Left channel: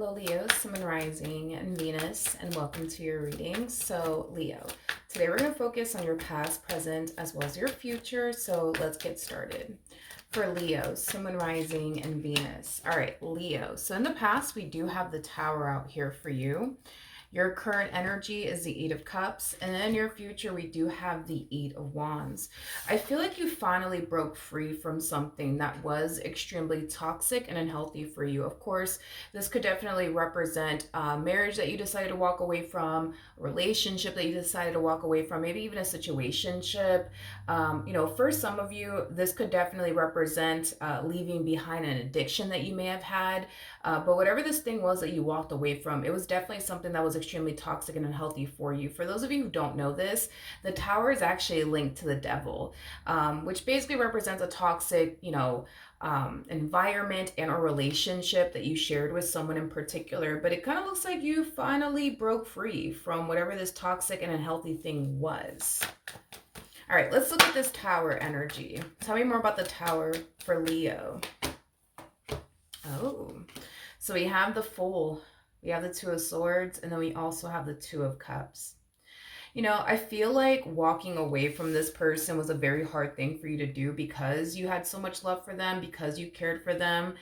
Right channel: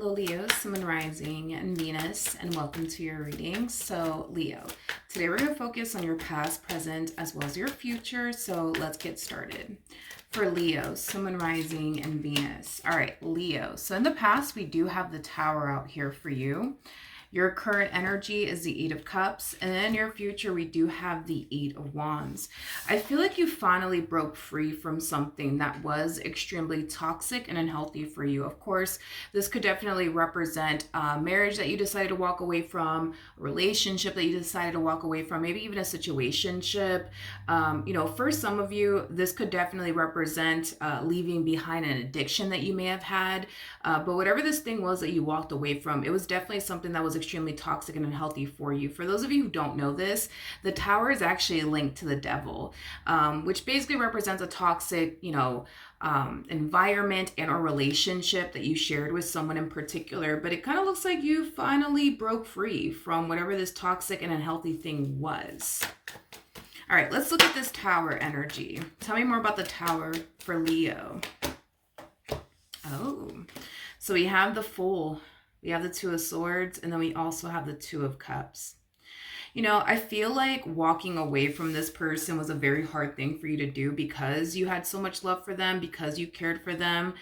Hello, Leo, Sun, and Rising, and Venus, and welcome to your reading. So, Leo, today we're going to focus on your past, present, as well as your future. So, let's get started. For Leo, Sun, Rising, and Venus. All right, Leo. So, in the past, we do have the Tower out here for you. Your current energy is the Eight of Cups, and in your future, we do have the Eight of Wands. I feel like you finally broke free from something that was extremely toxic and unhealthy for you. Of course, this could definitely represent a marriage that you decided to walk away from, a relationship that you decided to walk away from, maybe even a situationship. For some of you, this could definitely represent leaving behind an addiction that you may have had. But whatever this thing was that you walked away from, it was definitely something that was extremely toxic and unhealthy for you. For those of you who don't know this, the Tower is actually linked to the devil, which basically represents a toxic, environment and or relationship that you shared with someone in particular. But it kind of looks like you finally broke free from whatever this toxic and unhealthy thing was. All right, let's look at this Tower energy. Tell me more about the Tower for Leo. Oh, so we have the Fool, we have the Two of Swords, and then we also have the Two of Cups. I feel like walking away from this person was a very hard thing for you to do because you had so much love for them, because you cared for them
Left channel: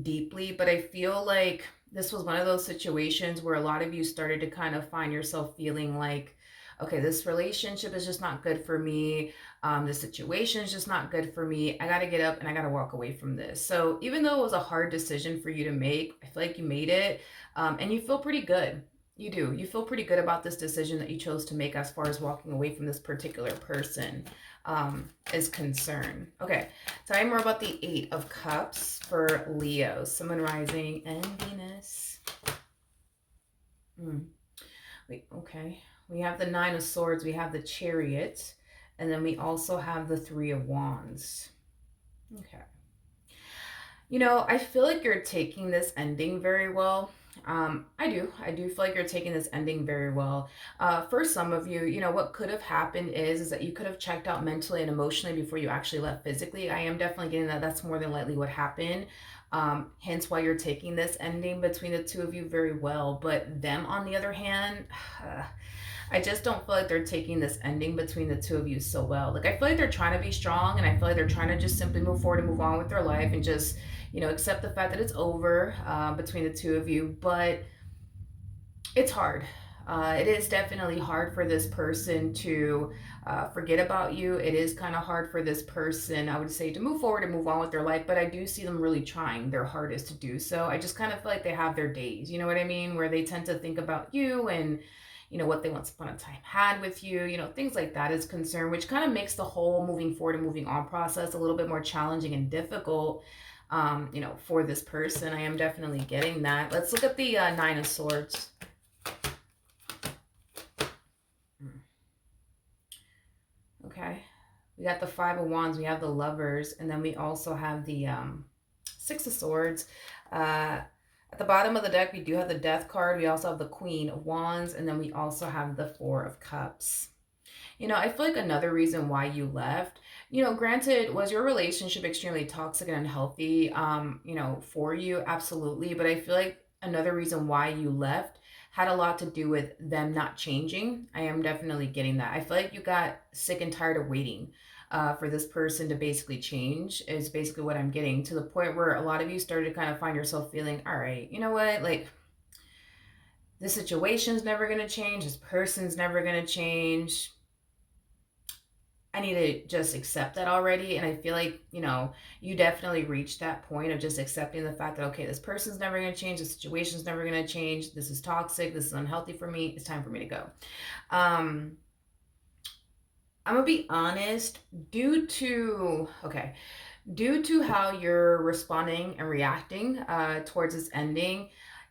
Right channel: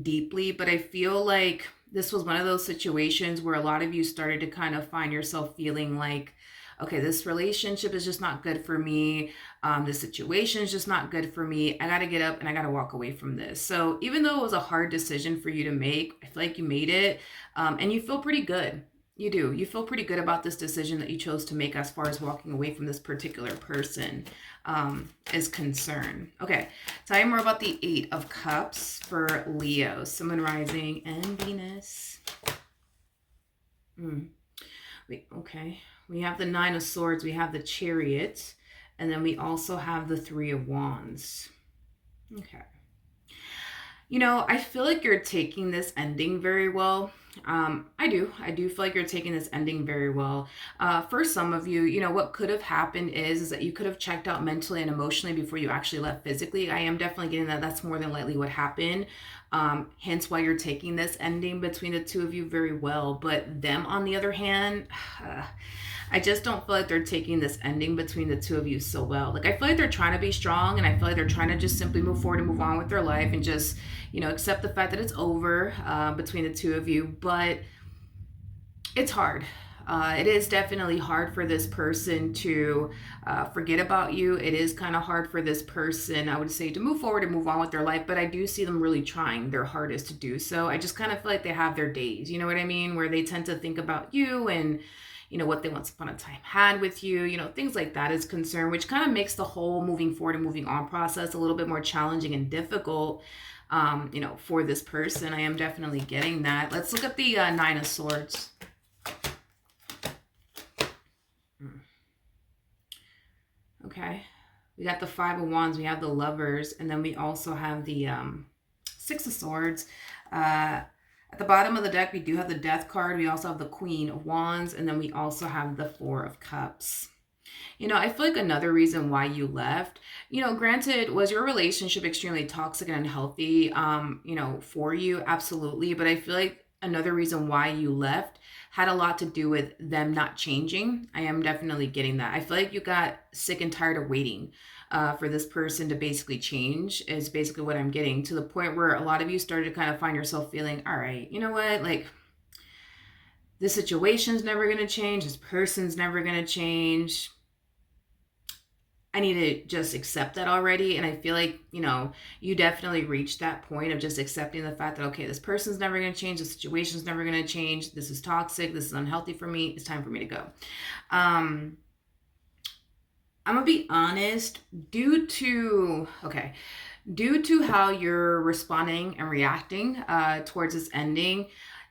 deeply. But I feel like this was one of those situations where a lot of you started to kind of find yourself feeling like, okay, this relationship is just not good for me. The situation is just not good for me. I got to get up and I got to walk away from this. So even though it was a hard decision for you to make, I feel like you made it, and you feel pretty good. You do. You feel pretty good about this decision that you chose to make as far as walking away from this particular person is concerned. Okay, tell me more about the Eight of Cups for Leo, Sun, Rising, and Venus. Okay. We have the Nine of Swords, we have the Chariot, and then we also have the Three of Wands. Okay. I feel like you're taking this ending very well. I do feel like you're taking this ending very well. For some of you, what could have happened is that you could have checked out mentally and emotionally before you actually left physically. I am definitely getting that that's more than likely what happened. Hence why you're taking this ending between the two of you very well. But them, on the other hand, I just don't feel like they're taking this ending between the two of you so well. Like, I feel like they're trying to be strong, and I feel like they're trying to just simply move forward and move on with their life and just, accept the fact that it's over between the two of you. But it's hard. It is definitely hard for this person to forget about you. It is kind of hard for this person, I would say, to move forward and move on with their life. But I do see them really trying their hardest to do so. I just kind of feel like they have their days, you know what I mean? Where they tend to think about you and what they once upon a time had with you, things like that is concerned, which kind of makes the whole moving forward and moving on process a little bit more challenging and difficult, for this person. I am definitely getting that. Let's look at the Nine of Swords. Okay. We got the Five of Wands, we have the Lovers, and then we also have the Six of Swords. At the bottom of the deck, we do have the Death card. We also have the Queen of Wands, and then we also have the Four of Cups. I feel like another reason why you left, granted, was your relationship extremely toxic and unhealthy, for you? Absolutely. But I feel like another reason why you left had a lot to do with them not changing. I am definitely getting that. I feel like you got sick and tired of waiting for this person to basically change, is basically what I'm getting, to the point where a lot of you started to kind of find yourself feeling, all right, you know what, like, this situation's never going to change, this person's never going to change. I need to just accept that already. And I feel like, you definitely reached that point of just accepting the fact that, okay, this person's never going to change, the situation's never going to change, this is toxic, this is unhealthy for me, it's time for me to go. I'm gonna be honest, due to how you're responding and reacting towards this ending,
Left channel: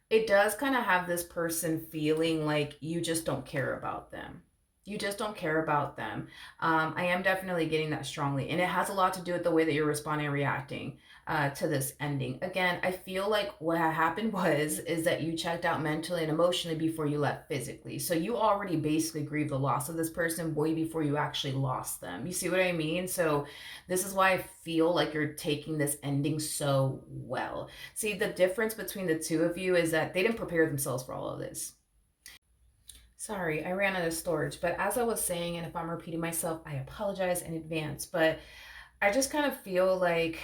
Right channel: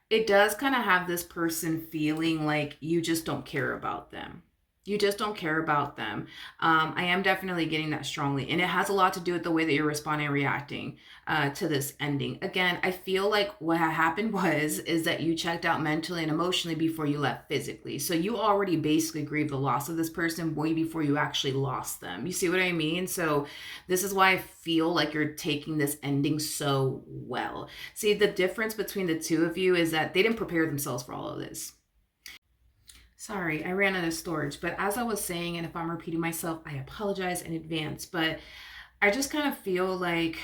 it does kind of have this person feeling like you just don't care about them. You just don't care about them. I am definitely getting that strongly. And it has a lot to do with the way that you're responding and reacting to this ending. Again, I feel like what happened is that you checked out mentally and emotionally before you left physically. So you already basically grieved the loss of this person way before you actually lost them. You see what I mean? So this is why I feel like you're taking this ending so well. See, the difference between the two of you is that they didn't prepare themselves for all of this. Sorry, I ran out of storage. But as I was saying, and if I'm repeating myself, I apologize in advance. But I just kind of feel like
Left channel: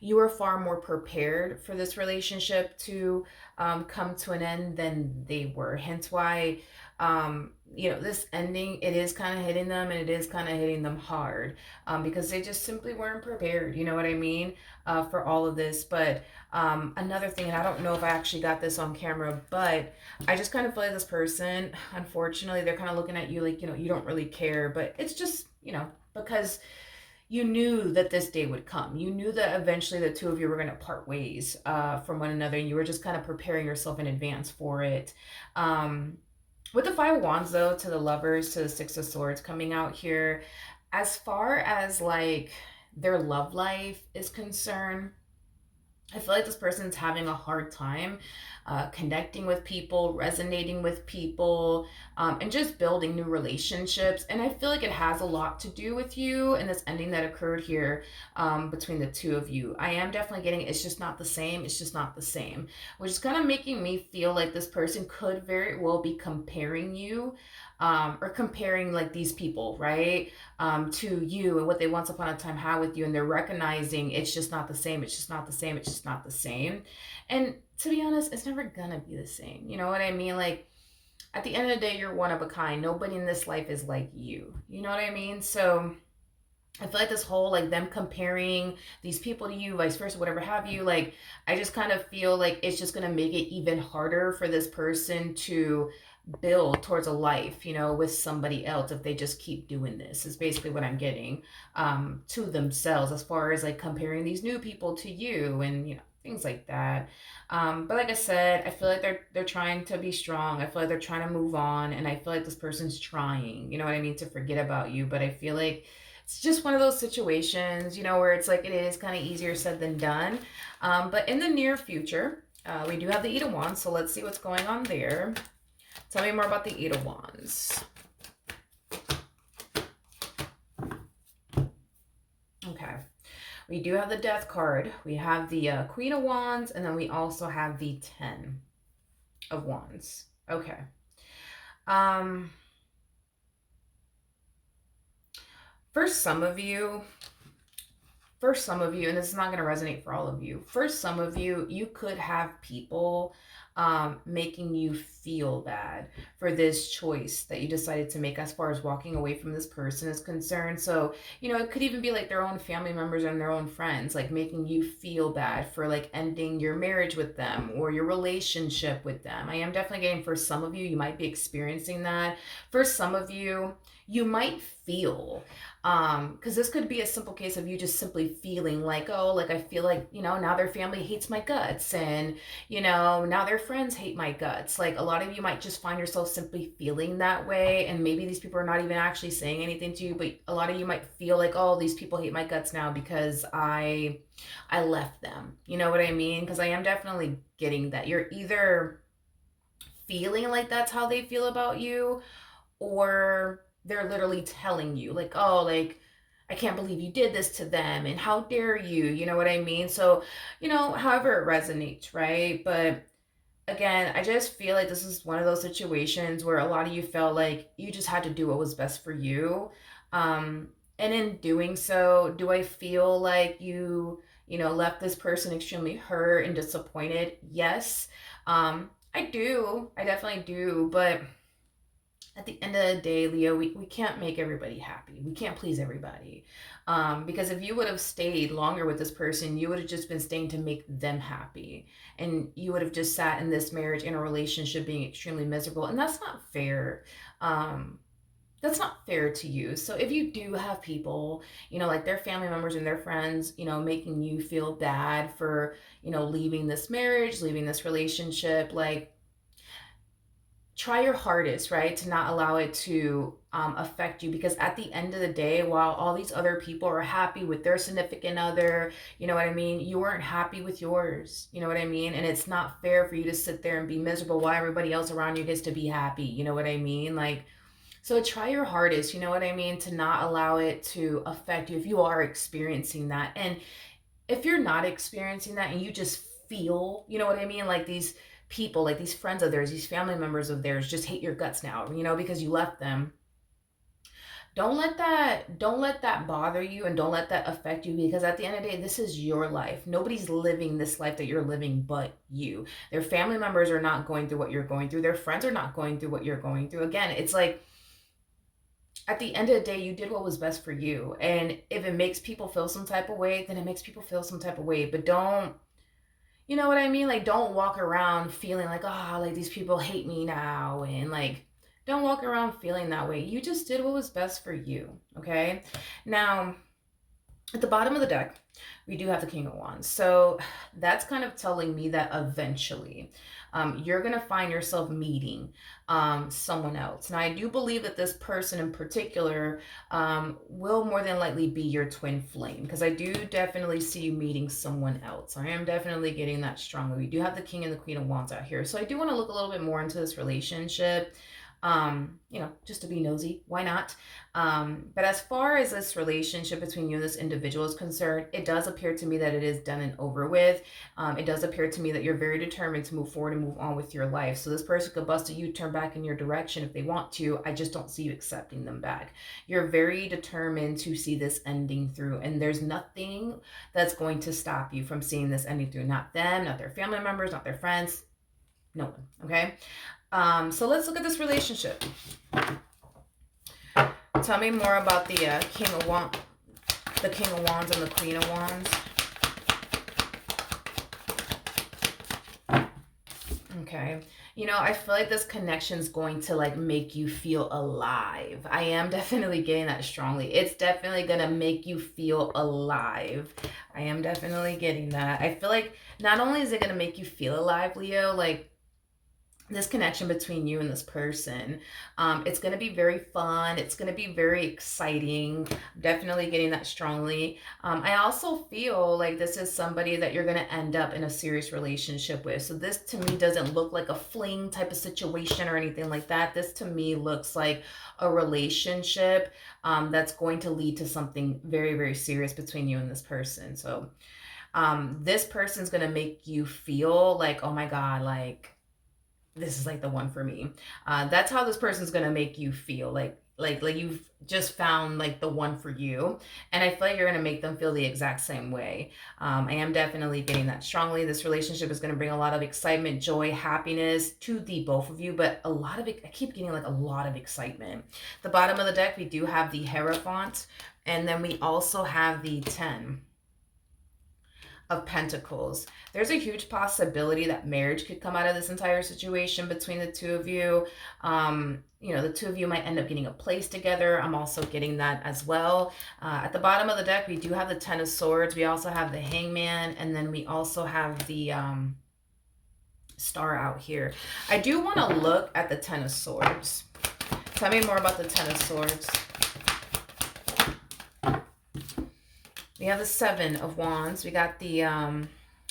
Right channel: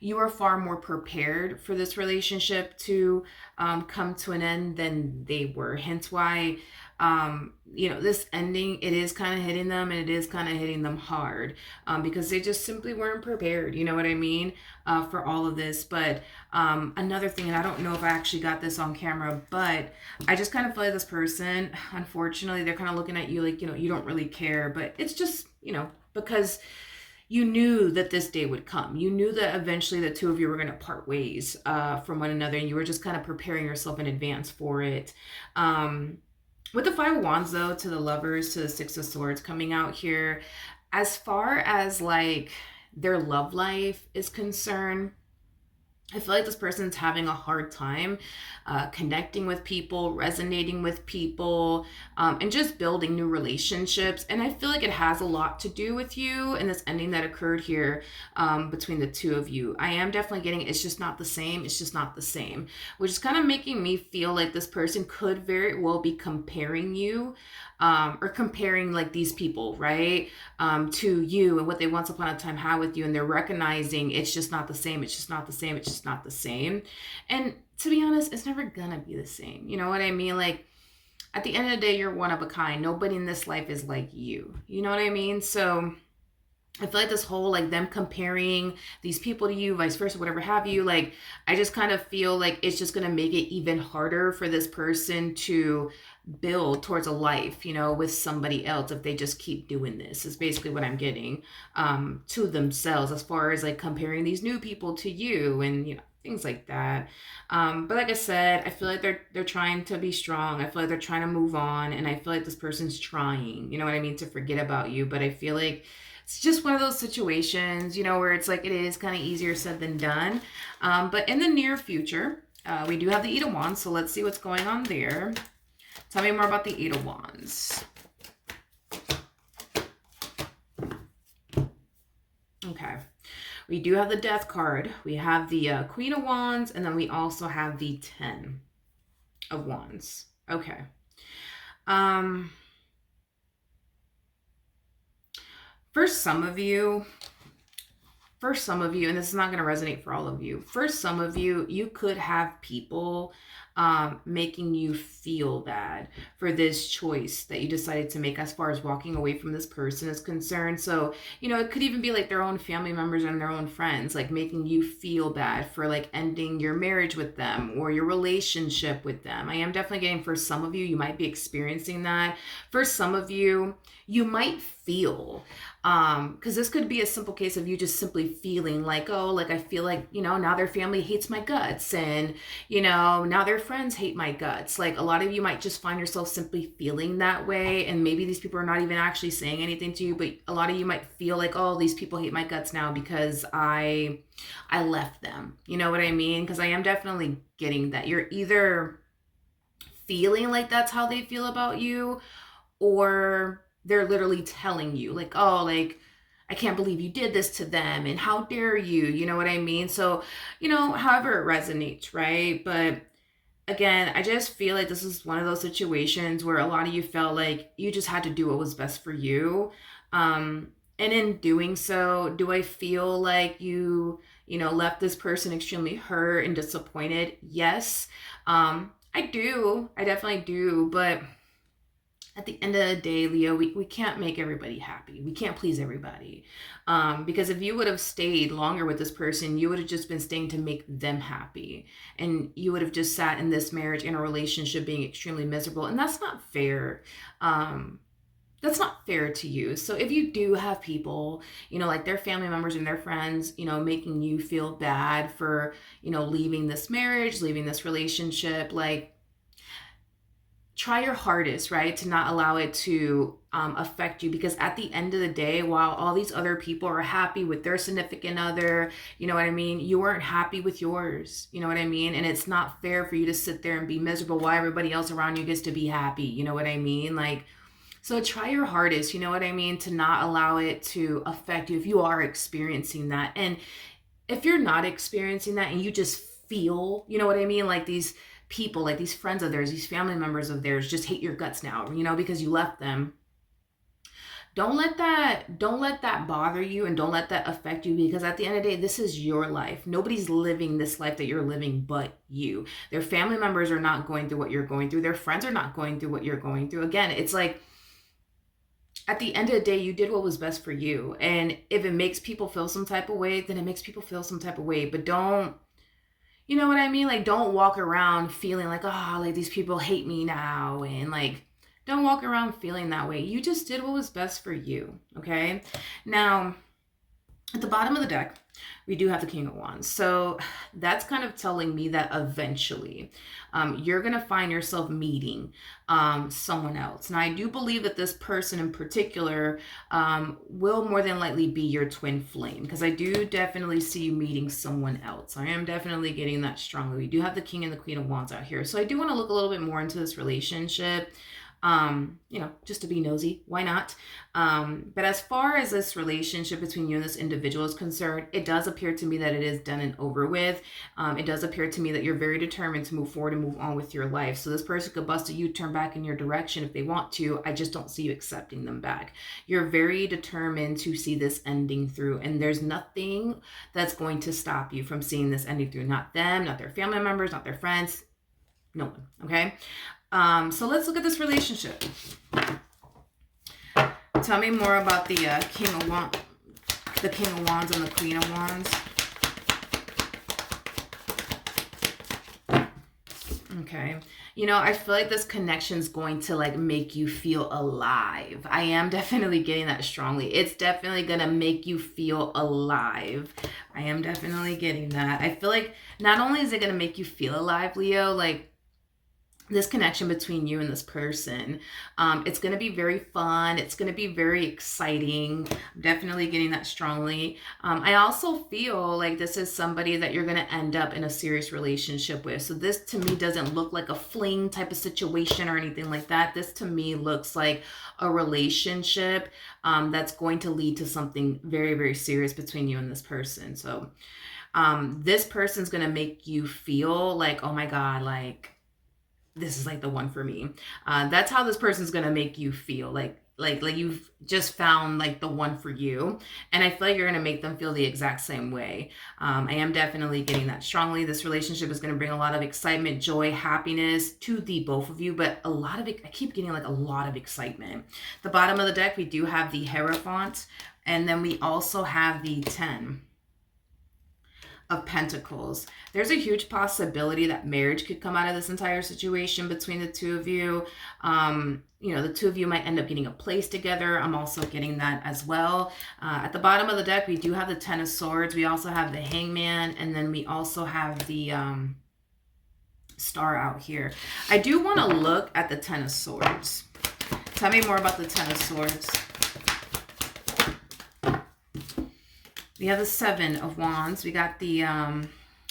you are far more prepared for this relationship to come to an end than they were. Hence why, this ending, it is kind of hitting them and it is kind of hitting them hard because they just simply weren't prepared. You know what I mean? For all of this. But another thing, and I don't know if I actually got this on camera, but I just kind of feel like this person, unfortunately, they're kind of looking at you like, you don't really care. But it's just, because you knew that this day would come. You knew that eventually the two of you were going to part ways from one another, and you were just kind of preparing yourself in advance for it. With the Five of Wands, though, to the Lovers, to the Six of Swords coming out here, as far as like their love life is concerned, I feel like this person's having a hard time connecting with people, resonating with people, and just building new relationships. And I feel like it has a lot to do with you and this ending that occurred here between the two of you. I am definitely getting it's just not the same. It's just not the same, which is kind of making me feel like this person could very well be comparing you. Or comparing like these people, right, to you and what they once upon a time had with you, and they're recognizing it's just not the same. It's just not the same. It's just not the same. And to be honest, it's never gonna be the same. You know what I mean? Like at the end of the day, you're one of a kind. Nobody in this life is like you. You know what I mean? So I feel like this whole like them comparing these people to you, vice versa, whatever have you, like I just kind of feel like it's just gonna make it even harder for this person to build towards a life, with somebody else if they just keep doing this. Is basically what I'm getting to themselves as far as like comparing these new people to you and things like that. But like I said, I feel like they're trying to be strong. I feel like they're trying to move on, and I feel like this person's trying, you know what I mean, to forget about you. But I feel like it's just one of those situations, where it's like it is kind of easier said than done. But in the near future, we do have the Eight of Wands, so let's see what's going on there. Tell me more about the Eight of Wands. Okay. We do have the Death card. We have the Queen of Wands, and then we also have the Ten of Wands. Okay. For some of you, and this is not going to resonate for all of you, for some of you, you could have people making you feel bad for this choice that you decided to make as far as walking away from this person is concerned. So, it could even be like their own family members and their own friends, like making you feel bad for like ending your marriage with them or your relationship with them. I am definitely getting for some of you, you might be experiencing that. For some of you, you might feel because this could be a simple case of you just simply feeling like, oh, like I feel like, now their family hates my guts, and now their friends hate my guts. Like a lot of you might just find yourself simply feeling that way, and maybe these people are not even actually saying anything to you, but a lot of you might feel like, oh, these people hate my guts now because I left them. You know what I mean? Because I am definitely getting that you're either feeling like that's how they feel about you, or they're literally telling you like, oh, like I can't believe you did this to them and how dare you, you know what I mean? So, however it resonates, right? But again, I just feel like this is one of those situations where a lot of you felt like you just had to do what was best for you. And in doing so, do I feel like left this person extremely hurt and disappointed? Yes. I do. I definitely do. But at the end of the day, Leo, we can't make everybody happy. We can't please everybody. Because if you would have stayed longer with this person, you would have just been staying to make them happy. And you would have just sat in this marriage, in a relationship, being extremely miserable. And that's not fair. That's not fair to you. So if you do have people, like their family members and their friends, making you feel bad for, leaving this marriage, leaving this relationship, like, try your hardest, right, to not allow it to affect you, because at the end of the day, while all these other people are happy with their significant other, you know what I mean, you weren't happy with yours, you know what I mean, and it's not fair for you to sit there and be miserable while everybody else around you gets to be happy, you know what I mean, like, so try your hardest, you know what I mean, to not allow it to affect you if you are experiencing that. And if you're not experiencing that and you just feel, you know what I mean, like these people, like these friends of theirs, these family members of theirs just hate your guts now, you know, because you left them. Don't let that bother you, and don't let that affect you, because at the end of the day, this is your life. Nobody's living this life that you're living but you. Their family members are not going through what you're going through. Their friends are not going through what you're going through. Again, it's like at the end of the day, you did what was best for you. And if it makes people feel some type of way, then it makes people feel some type of way. But don't, you know what I mean? Like, don't walk around feeling like, oh, like these people hate me now. And like, don't walk around feeling that way. You just did what was best for you. Okay. Now, at the bottom of the deck, we do have the King of Wands. So that's kind of telling me that eventually you're going to find yourself meeting someone else. Now, I do believe that this person in particular will more than likely be your twin flame, because I do definitely see you meeting someone else. I am definitely getting that strongly. We do have the King and the Queen of Wands out here. So I do want to look a little bit more into this relationship. Just to be nosy, why not? But as far as this relationship between you and this individual is concerned, it does appear to me that it is done and over with. It does appear to me that you're very determined to move forward and move on with your life. So this person could bust a U-turn back in your direction if they want to. I just don't see you accepting them back. You're very determined to see this ending through, and there's nothing that's going to stop you from seeing this ending through. Not them, not their family members, not their friends, no one, okay? So let's look at this relationship. Tell me more about the King of Wands and the Queen of Wands. Okay. You know, I feel like this connection is going to like make you feel alive. I am definitely getting that strongly. It's definitely going to make you feel alive. I am definitely getting that. I feel like not only is it going to make you feel alive, Leo, like this connection between you and this person, it's going to be very fun. It's going to be very exciting. I'm definitely getting that strongly. I also feel like this is somebody that you're going to end up in a serious relationship with. So this to me doesn't look like a fling type of situation or anything like that. This to me looks like a relationship that's going to lead to something very, very serious between you and this person. So this person's going to make you feel like, oh my God, like, this is like the one for me. That's how this person's gonna make you feel, like you've just found like the one for you. And I feel like you're gonna make them feel the exact same way. I am definitely getting that strongly. This relationship is gonna bring a lot of excitement, joy, happiness to the both of you, but a lot of it, I keep getting like a lot of excitement. The bottom of the deck, we do have the Hierophant, and then we also have the 10 of Pentacles. There's a huge possibility that marriage could come out of this entire situation between the two of you. The two of you might end up getting a place together. I'm also getting that as well. At the bottom of the deck, we do have the 10 of Swords. We also have the Hangman, and then we also have the Star out here. I do want to look at the 10 of Swords. Tell me more about the 10 of Swords. We have the 7 of Wands. We got the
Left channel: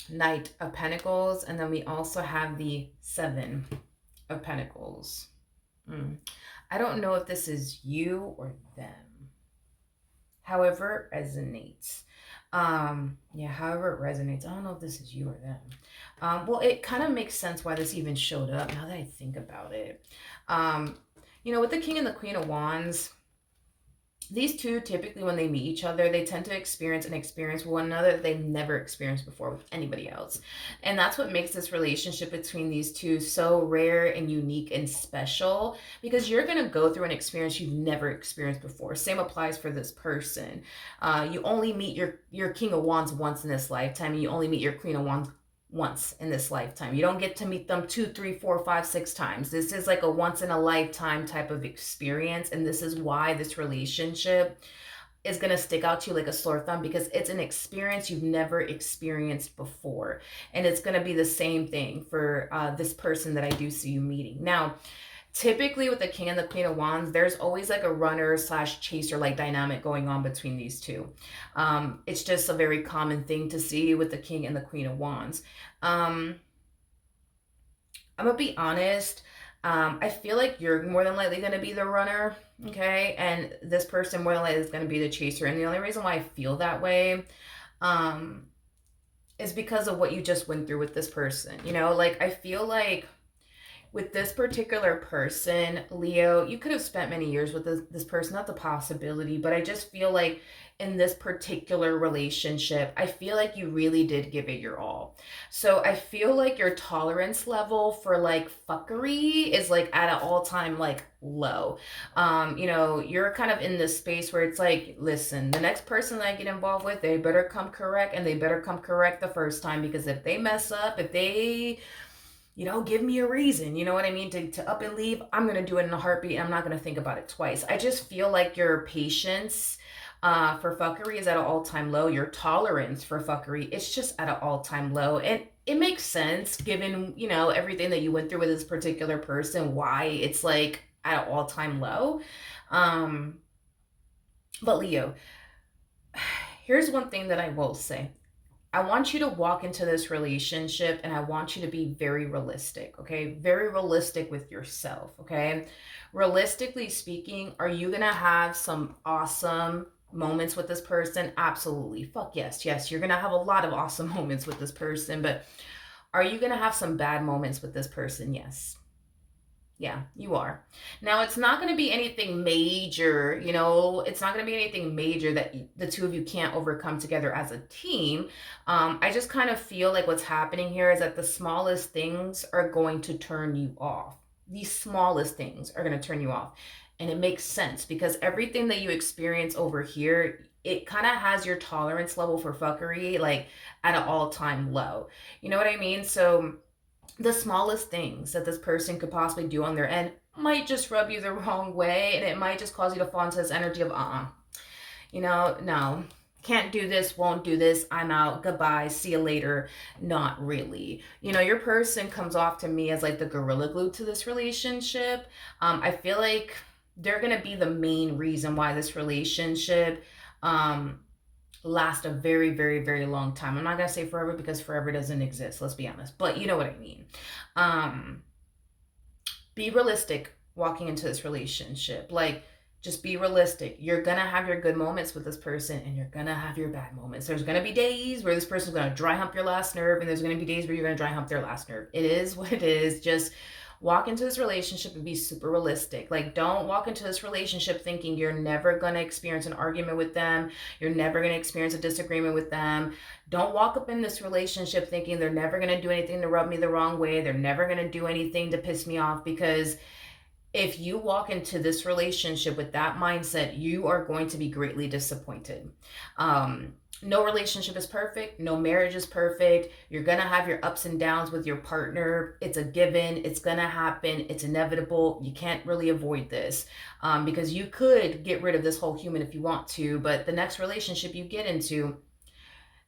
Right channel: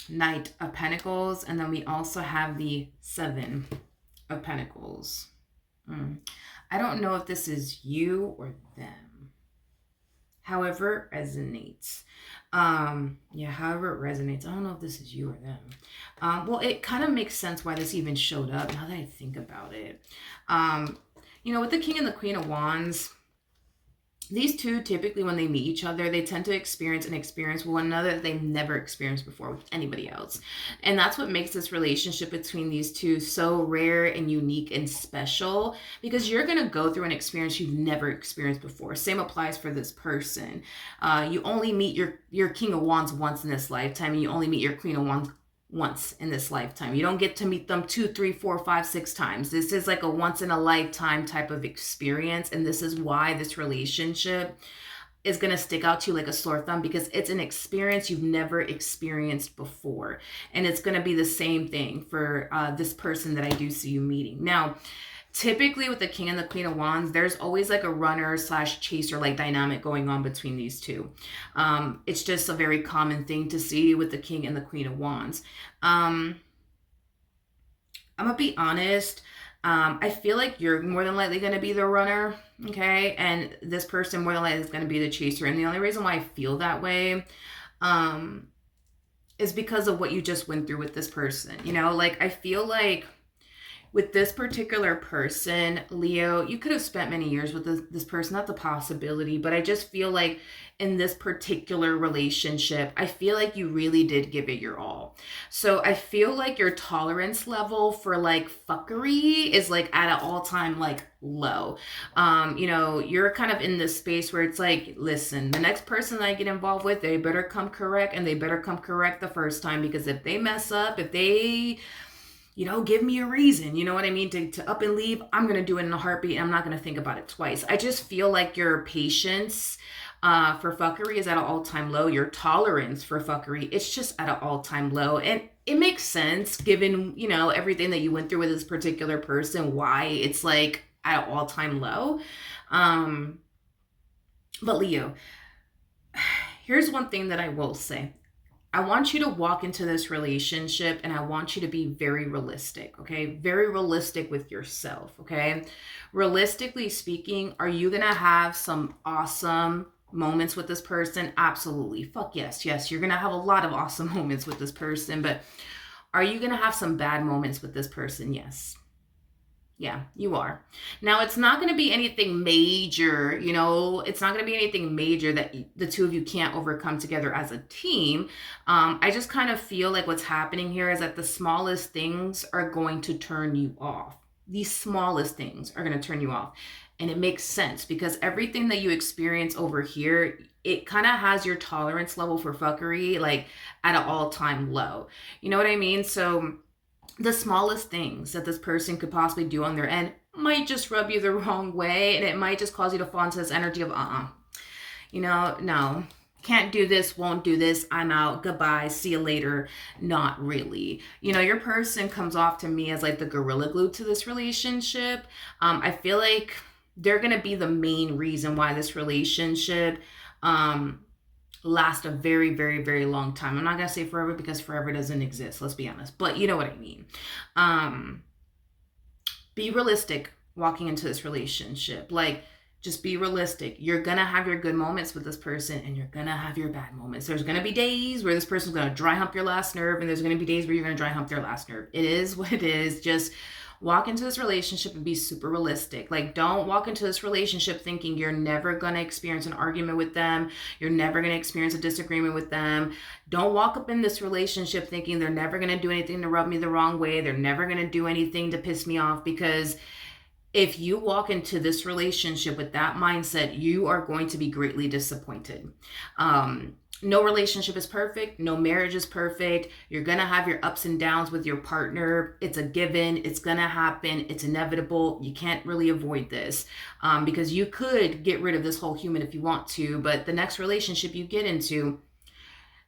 Knight of Pentacles. And then we also have the 7 of Pentacles. I don't know if this is you or them. However it resonates. However it resonates. I don't know if this is you or them. Well, it kind of makes sense why this even showed up now that I think about it. With the King and the Queen of Wands, these two, typically when they meet each other, they tend to experience with one another that they've never experienced before with anybody else. And that's what makes this relationship between these two so rare and unique and special, because you're going to go through an experience you've never experienced before. Same applies for this person. You only meet your King of Wands once in this lifetime, and you only meet your Queen of Wands once in this lifetime. You don't get to meet them 2, 3, 4, 5, 6 times. This is like a once in a lifetime type of experience. And this is why this relationship is going to stick out to you like a sore thumb, because it's an experience you've never experienced before. And it's going to be the same thing for this person that I do see you meeting. Now, Typically with the king and the queen of wands, there's always like a runner slash chaser like dynamic going on between these two. It's just a very common thing to see with the king and the queen of wands. um I'm gonna be honest. I feel like you're more than likely gonna be the runner, okay, and this person more than likely is gonna be the chaser. And the only reason why I feel that way, um is because of what you just went through with this person. Like, I feel like with this particular person, Leo, you could have spent many years with this person. That's a possibility. But I just feel like in this particular relationship, I feel like you really did give it your all. So I feel like your tolerance level for like fuckery is like at an all-time like low. You're kind of in this space where it's like, listen, the next person that I get involved with, they better come correct, and they better come correct the first time, because if they mess up, if they give me a reason, you know what I mean, to up and leave, I'm going to do it in a heartbeat. And I'm not going to think about it twice. I just feel like your patience for fuckery is at an all-time low. Your tolerance for fuckery, it's just at an all-time low. And it makes sense given, everything that you went through with this particular person, why it's like at an all-time low. Um, but Leo, here's one thing that I will say. I want you to walk into this relationship, and I want you to be very realistic, okay? Very realistic with yourself, okay? Realistically speaking, are you gonna have some awesome moments with this person? Absolutely. Fuck yes. Yes, you're gonna have a lot of awesome moments with this person, but are you gonna have some bad moments with this person? Yes. Yeah, you are. Now, it's not going to be anything major, it's not going to be anything major that the two of you can't overcome together as a team. I just kind of feel like what's happening here is that the smallest things are going to turn you off. These smallest things are going to turn you off. And it makes sense because everything that you experience over here, it kind of has your tolerance level for fuckery like at an all-time low. You know what I mean? So the smallest things that this person could possibly do on their end might just rub you the wrong way, and it might just cause you to fall into this energy of no, can't do this, won't do this, I'm out, goodbye, see you later. Not really. Your person comes off to me as like the gorilla glue to this relationship. I feel like they're gonna be the main reason why this relationship um last a very, very, very long time. I'm not gonna say forever because forever doesn't exist, let's be honest, but you know what I mean. um be realistic walking into this relationship. Like, just be realistic. You're gonna have your good moments with this person, and you're gonna have your bad moments. There's gonna be days where this person's gonna dry hump your last nerve, and there's gonna be days where you're gonna dry hump their last nerve. It is what it is. Just walk into this relationship and be super realistic. Like, don't walk into this relationship thinking you're never going to experience an argument with them. You're never going to experience a disagreement with them. Don't walk up in this relationship thinking they're never going to do anything to rub me the wrong way. They're never going to do anything to piss me off, because if you walk into this relationship with that mindset, you are going to be greatly disappointed. No relationship is perfect. No marriage is perfect. You're going to have your ups and downs with your partner. It's a given. It's going to happen. It's inevitable. You can't really avoid this, because you could get rid of this whole human if you want to, but the next relationship you get into,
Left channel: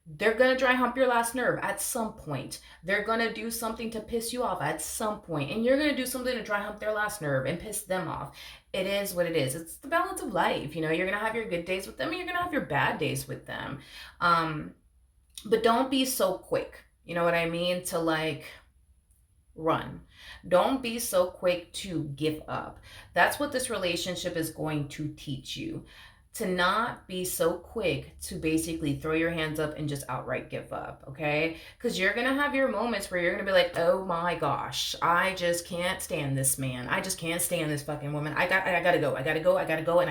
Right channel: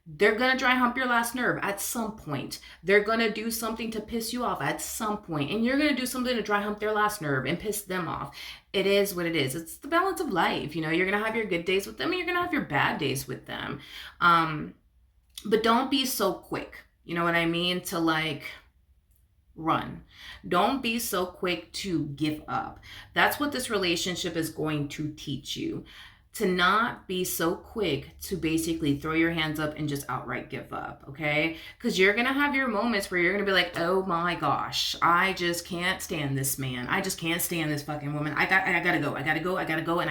they're going to dry hump your last nerve at some point. They're going to do something to piss you off at some point, and you're going to do something to dry hump their last nerve and piss them off. It is what it is. It's the balance of life. You're going to have your good days with them, and you're going to have your bad days with them. But don't be so quick, you know what I mean, to like run. Don't be so quick to give up. That's what this relationship is going to teach you, to not be so quick to basically throw your hands up and just outright give up, okay? Because you're going to have your moments where you're going to be like, oh my gosh, I just can't stand this man. I just can't stand this fucking woman. I gotta go, and I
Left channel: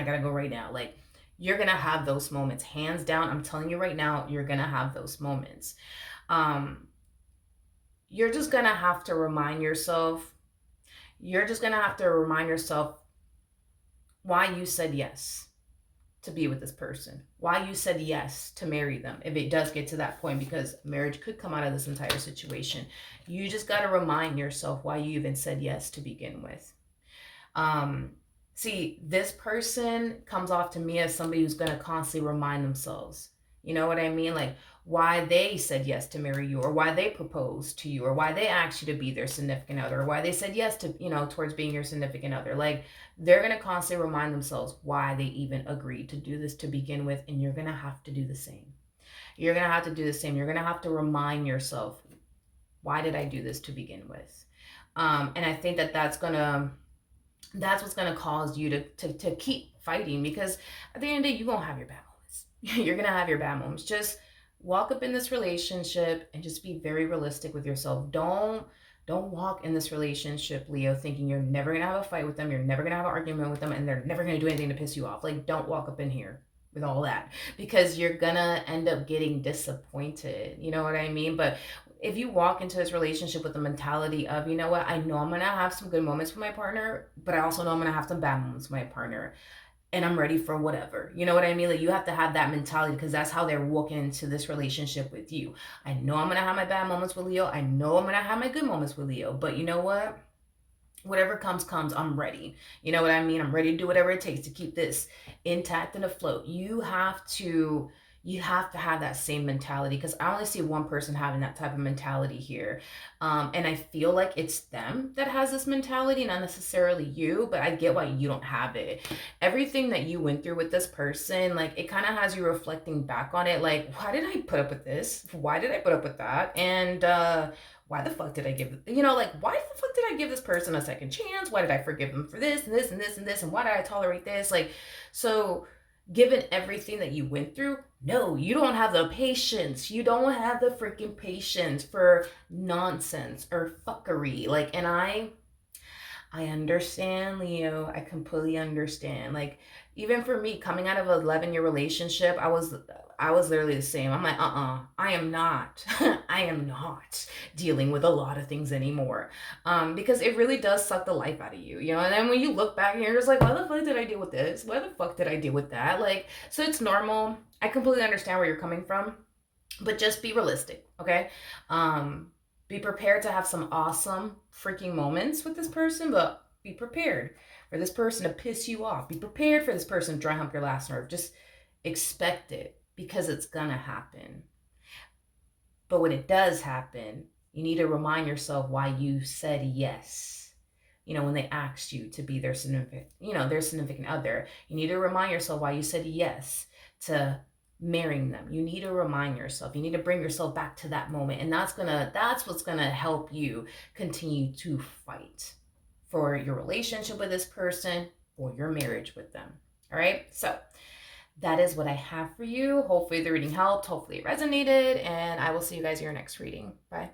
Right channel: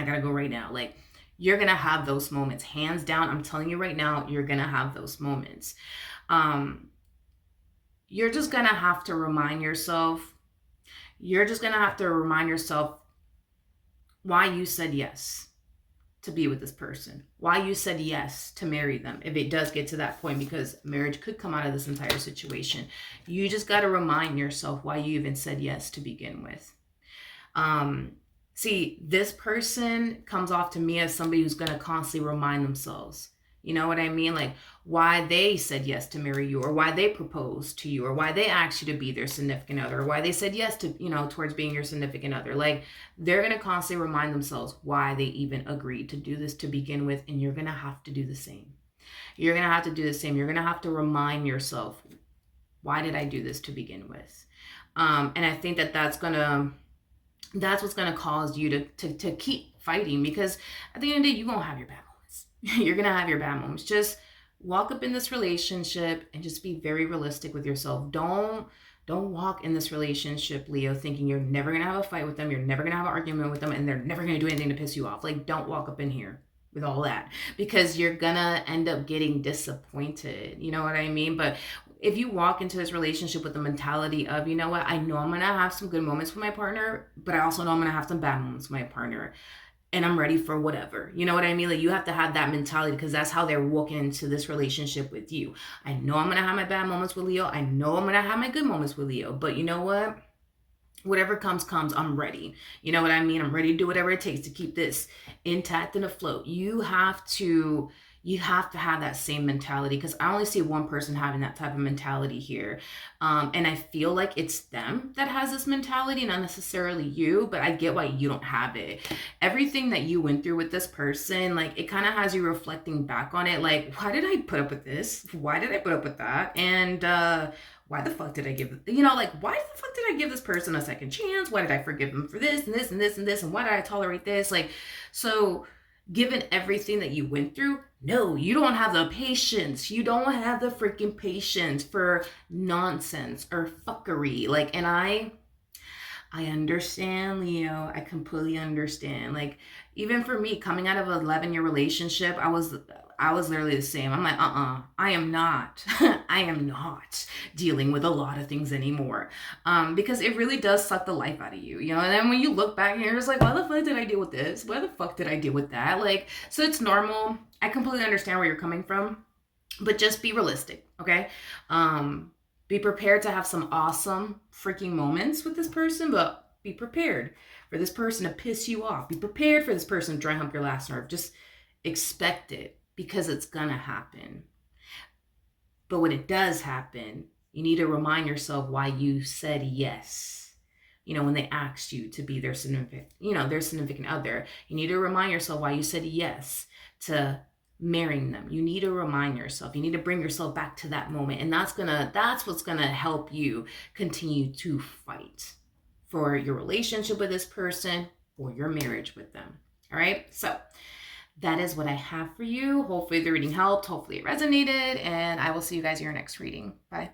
gotta go right now. Like, you're going to have those moments. Hands down, I'm telling you right now, you're going to have those moments. You're just going to have to remind yourself, why you said yes to be with this person, why you said yes to marry them if it does get to that point, because marriage could come out of this entire situation. You just got to remind yourself why you even said yes to begin with. See, this person comes off to me as somebody who's going to constantly remind themselves, you know what I mean? Like, why they said yes to marry you, or why they proposed to you, or why they asked you to be their significant other, or why they said yes to, towards being your significant other. Like, they're going to constantly remind themselves why they even agreed to do this to begin with. And you're going to have to do the same. You're going to have to do the same. You're going to have to remind yourself, why did I do this to begin with? And I think that that's what's going to cause you to keep fighting, because at the end of the day, you're going to have your bad moments. You're going to have your bad moments. Just walk up in this relationship and just be very realistic with yourself. Don't walk in this relationship, Leo, thinking you're never going to have a fight with them, you're never going to have an argument with them, and they're never going to do anything to piss you off. Like, don't walk up in here with all that, because you're going to end up getting disappointed. You know what I mean? But if you walk into this relationship with the mentality of, you know what, I know I'm going to have some good moments with my partner, but I also know I'm going to have some bad moments with my partner, and I'm ready for whatever. You know what I mean? Like, you have to have that mentality, because that's how they're walking into this relationship with you. I know I'm going to have my bad moments with Leo. I know I'm going to have my good moments with Leo, but you know what? Whatever comes, I'm ready. You know what I mean? I'm ready to do whatever it takes to keep this intact and afloat. You have to have that same mentality, because I only see one person having that type of mentality here. And I feel like it's them that has this mentality, not necessarily you, but I get why you don't have it. Everything that you went through with this person, like, it kind of has you reflecting back on it. Like, why did I put up with this? Why did I put up with that? And, why the fuck did I give, like, why the fuck did I give this person a second chance? Why did I forgive them for this and this and this and this? And why did I tolerate this? Like, so given everything that you went through, no, you don't have the patience. You don't have the freaking patience for nonsense or fuckery. Like, and I understand, Leo. I completely understand. Like, even for me, coming out of an 11-year relationship, I was literally the same. I'm like, I am not, I am not dealing with a lot of things anymore. Because it really does suck the life out of you, And then when you look back and you're just like, why the fuck did I deal with this? Why the fuck did I deal with that? Like, so it's normal. I completely understand where you're coming from, but just be realistic, okay? Be prepared to have some awesome freaking moments with this person, but be prepared for this person to piss you off. Be prepared for this person to dry hump your last nerve. Just expect it, because it's gonna happen. But when it does happen, you need to remind yourself why you said yes. When they asked you to be their significant other, you need to remind yourself why you said yes to marrying them. You need to remind yourself. You need to bring yourself back to that moment, and that's what's gonna help you continue to fight for your relationship with this person, or your marriage with them. All right, so that is what I have for you. Hopefully the reading helped. Hopefully it resonated, and I will see you guys in your next reading. Bye.